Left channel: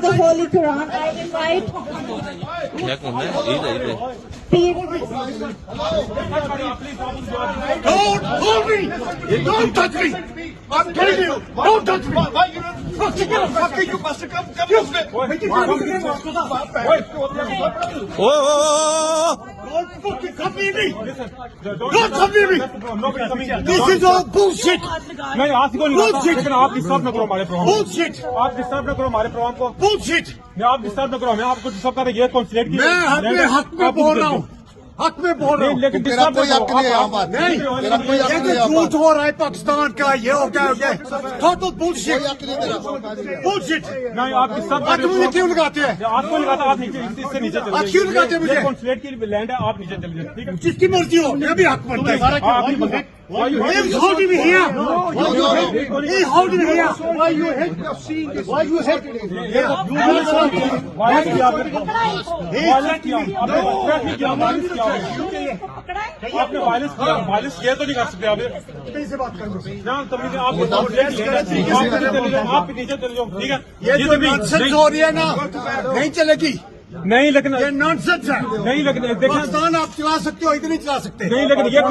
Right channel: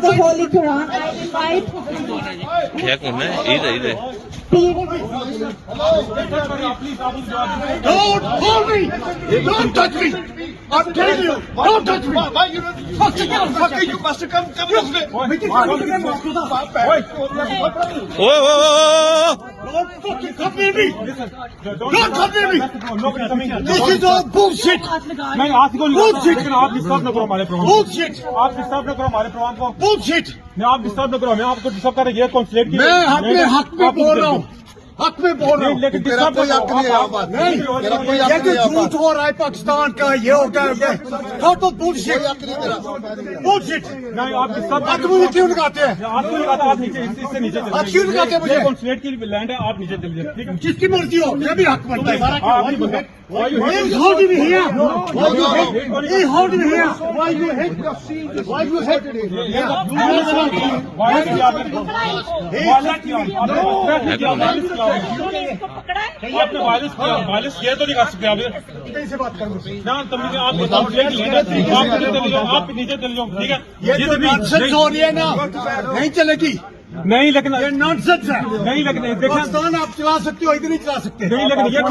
The Holy Quran. I invite क्या करना है? इधर Don't hold me! Don't touch me! I'm telling you! Don't touch me! Fuck you, Pastor, come this way! O Don't fucking come near me! Don't come near me! This is all bullshit! नहीं आपको नहीं Bullshit! आप disturb न करो हमारे programme Bullshit! आप disturb न करो हमारे प्रोग्राम को Bullshit! नहीं आप डिस्टर्ब न करो आपको डिस्टर्ब कर रही है कॉन्सुलेट की मैं अपने हक में बोल रहा हूँ हक में बोल रहा हूँ लेकिन डिस्टर्ब न करो नहीं ये जो झूठ हो रहा है पाकिस्तान का ये हो गया ये टोटल बुलशिट बुलशिट नहीं आप डिस्टर्ब आज मुझे क्यों लगाते हैं आपको नहीं लगा आप नीचे इससे नीचे चले आप क्यों लगाते हैं मुझे कॉन्सुलेट की लैंड है आप नीचे चलिए ठीक है जिसकी मर्जी हो मैं भी हक बनता है Why you holding me here? He holding me here. Why you hit? Why you hit? आपने वायलेंस किया तो नहीं कर सकते आप कैसे बात करूँ ना तभी आप नीचे चले जाओ ठीक है ये जो नॉनसेंस हो रही है ना नहीं चलेगी नहीं लेकिन ये नॉनसेंस है नहीं लेकिन देखिए पाकिस्तान आप चला सकते हो इतनी चला सकते नहीं लेकिन ये